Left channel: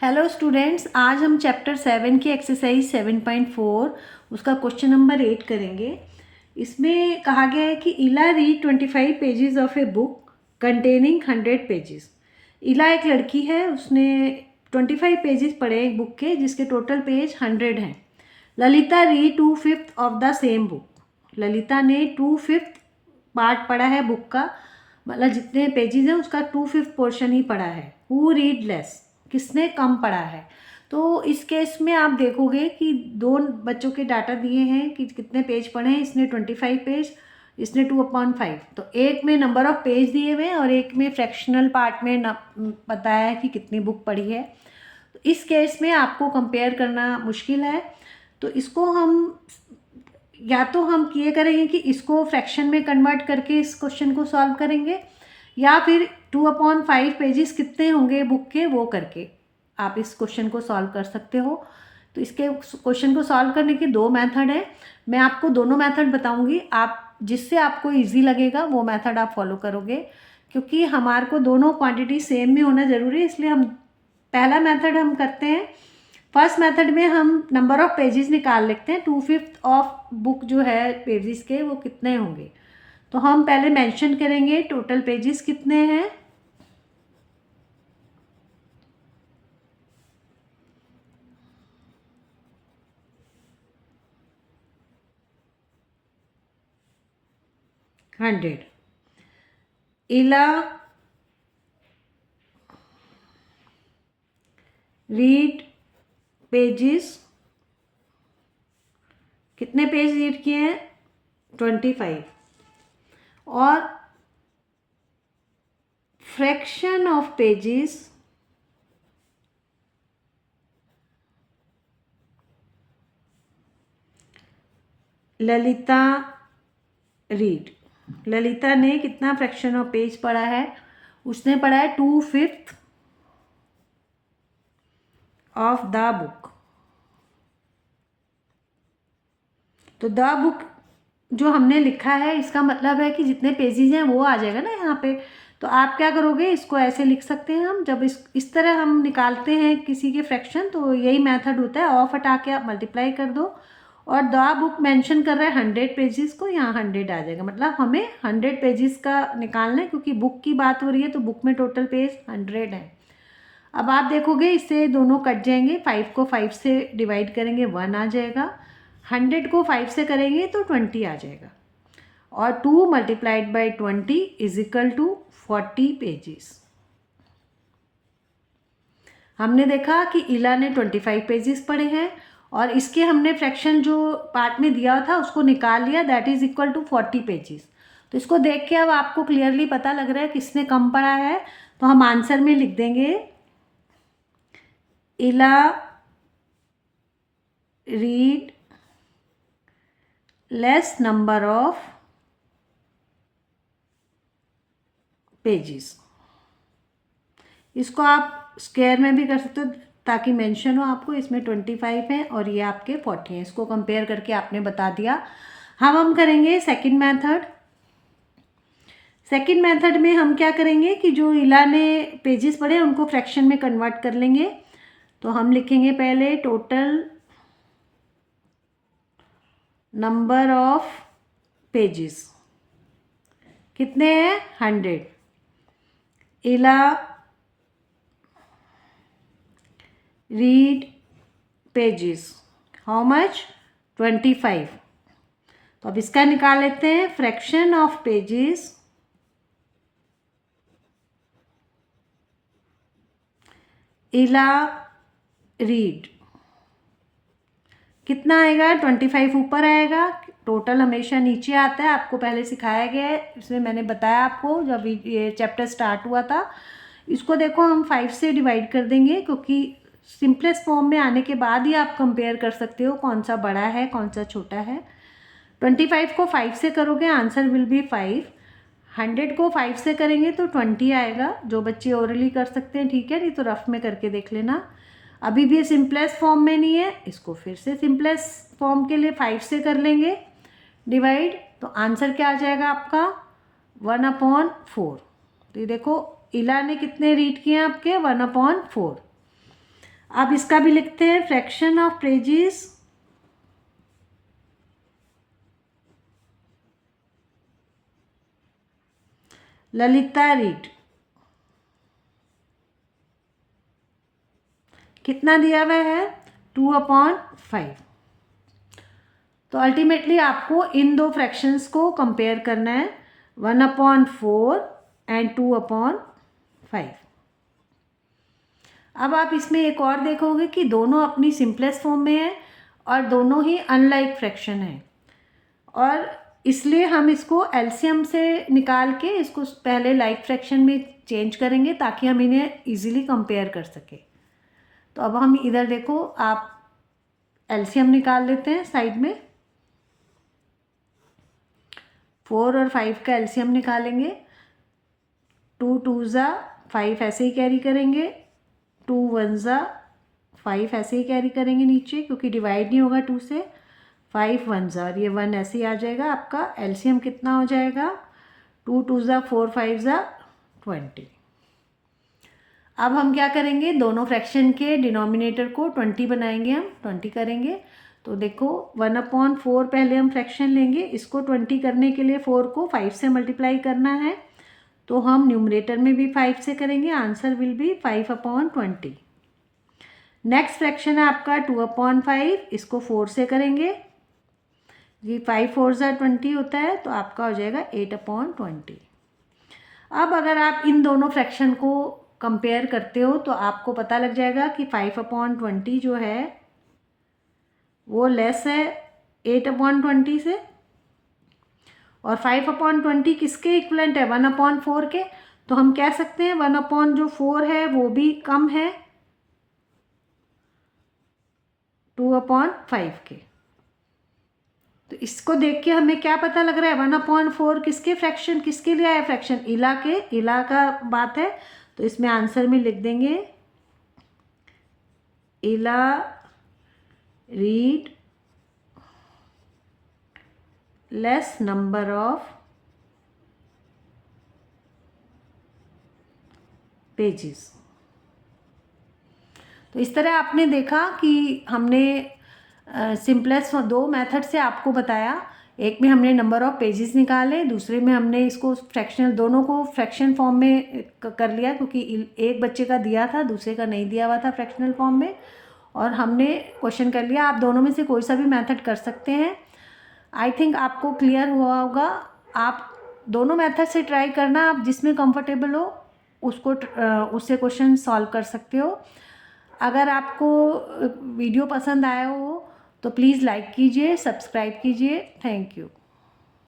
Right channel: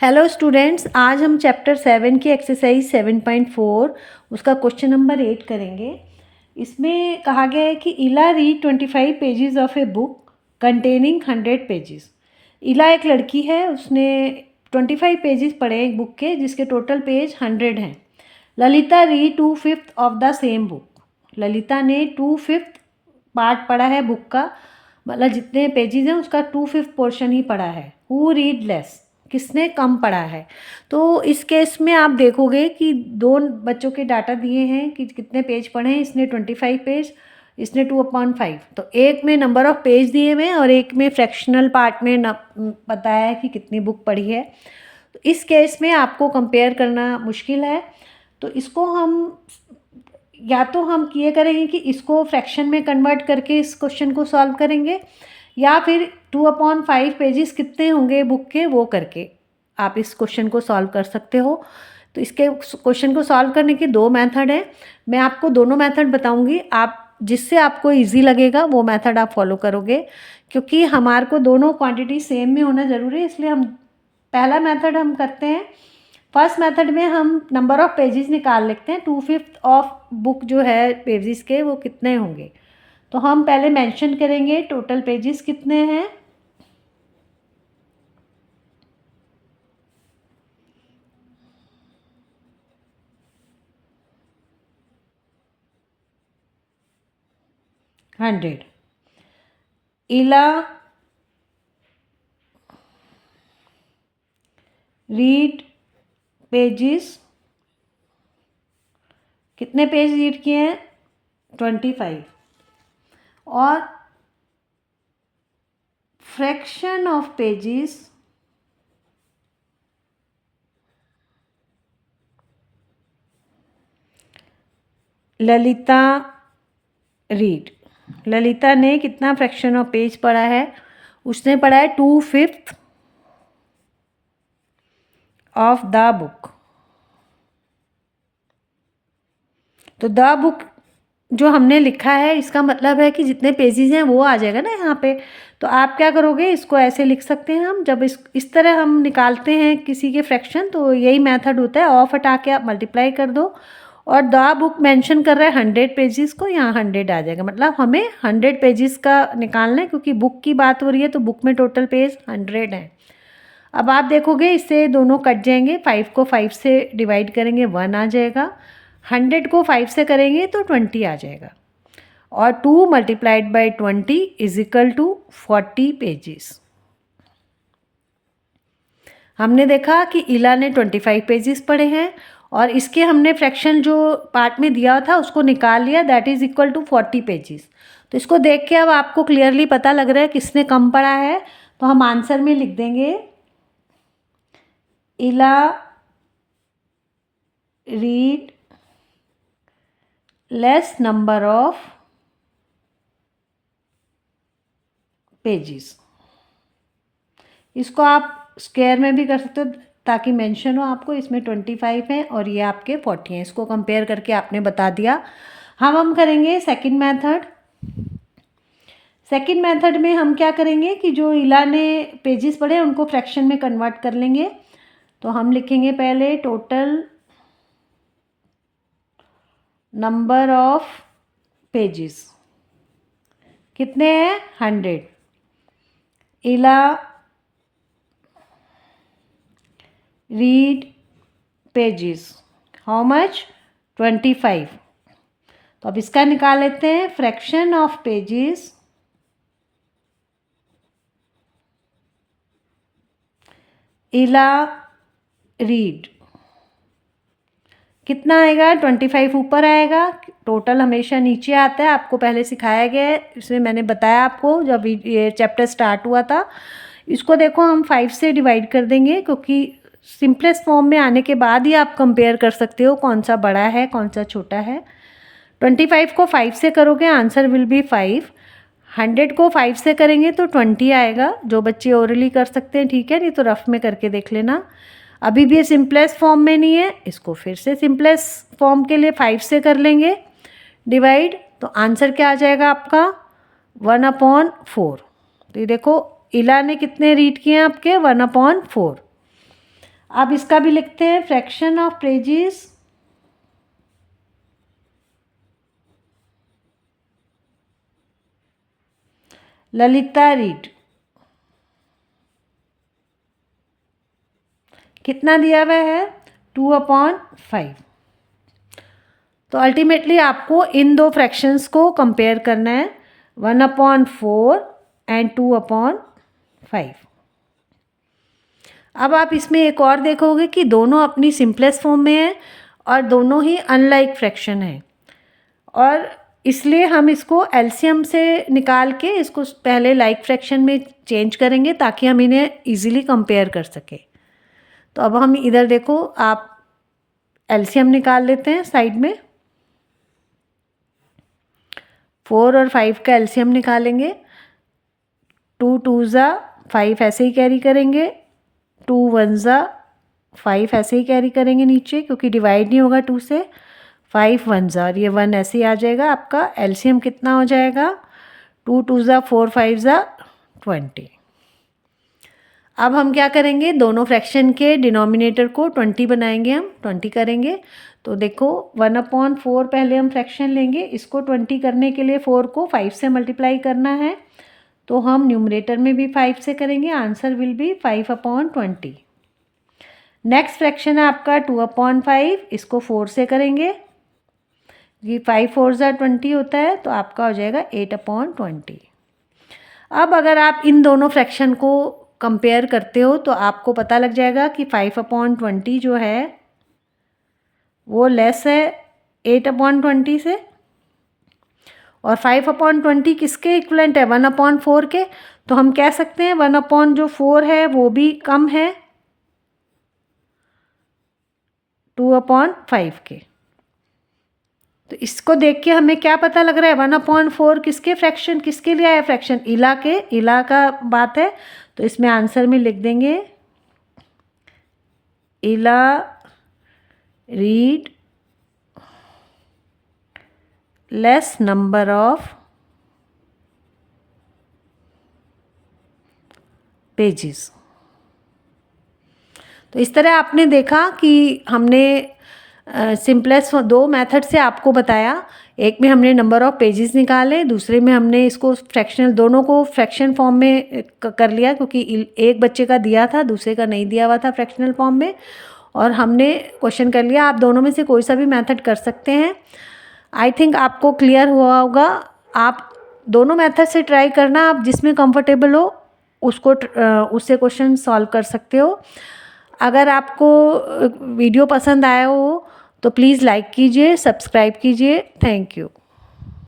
Hello students, आज हम chapter 7 की एक्सरसाइज 7.4 उसका क्वेश्चन नंबर 8 करेंगे। इसमें कहा गया है कि इला read 25 pages of a book containing 100 pages. इला एक लड़की है, उसने 25 पेजेस पढ़े एक बुक के जिसके टोटल पेज 100 हैं। Lalita read 2/5 of the same book. Lalita ने 2/5 पार्ट पढ़ा है बुक का, मतलब जितने पेजेस हैं उसका 2/5 पोर्शन ही पढ़ा है। हु रीड लेस, किसने कम पढ़ा है। तो इस केस में आप देखोगे कि दो बच्चों के डाटा दिए हैं कि कितने पेज पढ़े हैं। इसने 25 पेज, इसने 2/5। तो एक में नंबर ऑफ पेज दिए हुए हैं और एक में फ्रैक्शनल पार्ट में बताया है कि कितनी बुक पढ़ी है। तो इस केस में आपको कंपेयर करना मुश्किल है। तो इसको हम या तो हम ये करेंगे कि इसको फ्रैक्शन में कन्वर्ट करके इस क्वेश्चन को सॉल्व करेंगे, या फिर 2/5 पेजेस कितने होंगे बुक के वो करके आप इस क्वेश्चन को सॉल्व कर सकते हो। तो इसके क्वेश्चन को सॉल्व करने के दो मेथड हैं। मैं आपको दोनों मेथड बताऊंगी, आप जिससे आपको इजी लगेगा वो मेथड आप फॉलो करोगे। क्योंकि हमारे को दोनों क्वांटिटी सेम में होना ज़रूरी है, इसलिए हम पहला मेथड हम करते हैं। फर्स्ट मेथड में हम नंबर ऑफ़ पेजेस निकाल लेते हैं। 2/5 ऑफ बुक जो है पेजेस के वो कितने होंगे। तो हम पहले मेंशन करेंगे टोटल पेजेस कितने हैं। हंड्रेड। इला रीड पेजेस, कितने पेज रीड किए हैं 25। और fraction of pages Lalita read, Lalita ने कितना फ्रैक्शन ऑफ पेज पढ़ा है, उसने पढ़ा है 2/5 ऑफ द बुक। तो द बुक जो हमने लिखा है इसका मतलब है कि जितने पेजेस हैं वो आ जाएगा ना यहाँ पे। तो आप क्या करोगे, इसको ऐसे लिख सकते हैं हम, जब इस तरह हम निकालते हैं किसी के फ्रैक्शन तो यही मेथड होता है। ऑफ हटा के आप मल्टीप्लाई कर दो और द बुक मेंशन कर रहा है 100 पेजेस को, यहाँ 100 आ जाएगा। मतलब हमें 100 पेजेस का निकालना है, क्योंकि बुक की बात हो रही है तो बुक में टोटल पेज 100 है। अब आप देखोगे इससे दोनों कट जाएंगे, 5 को 5 से डिवाइड करेंगे 1 आ जाएगा, 100 को 5 से करेंगे तो 20 आ जाएगा। और 2 multiplied by 20 is equal to 40 pages. हमने देखा कि इला ने 25 पेजेस पढ़े हैं और इसके हमने फ्रैक्शन जो पार्ट में दिया था उसको निकाल लिया, that is equal to 40 pages. तो इसको देख के अब आपको क्लियरली पता लग रहा है किसने कम पढ़ा है। तो हम आंसर में लिख देंगे इला read less number of pages. इसको आप स्क्वायर में भी कर सकते हो ताकि मेंशन हो आपको। इसमें 25 है और ये आपके 40 हैं। इसको कंपेयर करके आपने बता दिया। हम करेंगे सेकंड मेथड। सेकंड मेथड में हम क्या करेंगे कि जो इला ने पेजेस पढ़े उनको फ्रैक्शन में कन्वर्ट कर लेंगे। तो हम लिखेंगे पहले टोटल नंबर ऑफ पेजेस कितने हैं 100। इला रीड पेजेस हाउ मच 25। तो अब इसका निकाल लेते हैं फ्रैक्शन ऑफ पेजेस इला रीड कितना आएगा 25 ऊपर आएगा। टोटल हमेशा नीचे आता है, आपको पहले सिखाया गया है, इसमें मैंने बताया आपको जब ये चैप्टर स्टार्ट हुआ था। इसको देखो हम 5 से डिवाइड कर देंगे, क्योंकि सिंपलेस्ट फॉर्म में आने के बाद ही आप कंपेयर कर सकते हो कौन सा बड़ा है कौन सा छोटा है। 25 को 5 से करोगे आंसर विल बी 5। 100 को 5 से करेंगे तो 20 आएगा। जो बच्चे ओरली कर सकते हैं ठीक है, नहीं तो रफ में करके देख लेना। अभी भी ये सिंपलेस्ट फॉर्म में नहीं है, इसको फिर से सिंपलेस्ट फॉर्म के लिए 5 से कर लेंगे डिवाइड। तो आंसर क्या आ जाएगा आपका 1/4। तो ये देखो इला ने कितने रीड किए हैं आपके 1/4। अब इसका भी लिखते हैं, fraction of pages Lalita read कितना दिया हुआ है 2/5। तो अल्टीमेटली आपको इन दो फ्रैक्शंस को कंपेयर करना है 1/4 एंड 2/5। अब आप इसमें एक और देखोगे कि दोनों अपनी सिंपलेस्ट फॉर्म में है और दोनों ही अनलाइक फ्रैक्शन है, और इसलिए हम इसको एलसीएम से निकाल के इसको पहले लाइक फ्रैक्शन में चेंज करेंगे ताकि हम इन्हें इजीली कंपेयर कर सकें। तो अब हम इधर देखो, आप एलसीएम निकाल लेते हैं साइड में। 4 और 5 का एलसीएम निकालेंगे। 2 2 ज़ा 5 ऐसे ही कैरी करेंगे, 2 1 ज़ा 5 ऐसे ही कैरी करेंगे नीचे, क्योंकि डिवाइड नहीं होगा 2 से। 5 1 ज़ा, और ये 1 ऐसे ही आ जाएगा। आपका एलसीएम कितना हो जाएगा 2 2 ज़ा 4 5 ज़ा 20। अब हम क्या करेंगे, दोनों फ्रैक्शन के डिनोमिनेटर को 20 बनाएंगे, हम 20 करेंगे। तो देखो 1/4 पहले हम फ्रैक्शन लेंगे, इसको 20 करने के लिए 4 को 5 से मल्टीप्लाई करना है, तो हम न्यूमरेटर में भी 5 से करेंगे, answer will be 5/20। Next fraction है आपका 2/5, इसको 4 से करेंगे, ये 5 4 ज़ा 20 होता है, तो आपका हो जाएगा 8/20। अब अगर आप इन दोनों फ्रैक्शन को कंपेयर करते हो तो आपको पता लग जाएगा कि 5/20 जो है वो लेस है 8/20 से, और 5/20 किसके इक्वलेंट है 1/4 के। तो हम कह सकते हैं 1/4 है वो भी कम है 2/5 के। तो इसको देख के हमें क्या पता लग रहा है 1/4 किसके फ्रैक्शन, किसके लिए आया फ्रैक्शन, इला के, इला का बात है। तो इसमें आंसर में लिख देंगे इला read less number of pages. तो इस तरह आपने देखा कि हमने सिंपलेस्ट दो मेथड से आपको बताया। एक में हमने नंबर ऑफ़ पेजेस निकाले, दूसरे में हमने इसको फ्रैक्शनल, दोनों को फ्रैक्शन फॉर्म में कर लिया, क्योंकि एक बच्चे का दिया था दूसरे का नहीं दिया हुआ था फ्रैक्शनल फॉर्म में, और हमने क्वेश्चन कर लिया। आप दोनों में से कोई सा भी मेथड कर सकते हैं। आई थिंक आपको क्लियर हुआ होगा। आप दोनों मेथड से ट्राई करना, आप जिसमें कंफर्टेबल हो उसको उससे क्वेश्चन सॉल्व कर सकते हो। अगर आपको वीडियो पसंद आया हो तो प्लीज़ लाइक कीजिए, सब्सक्राइब कीजिए। Thank you.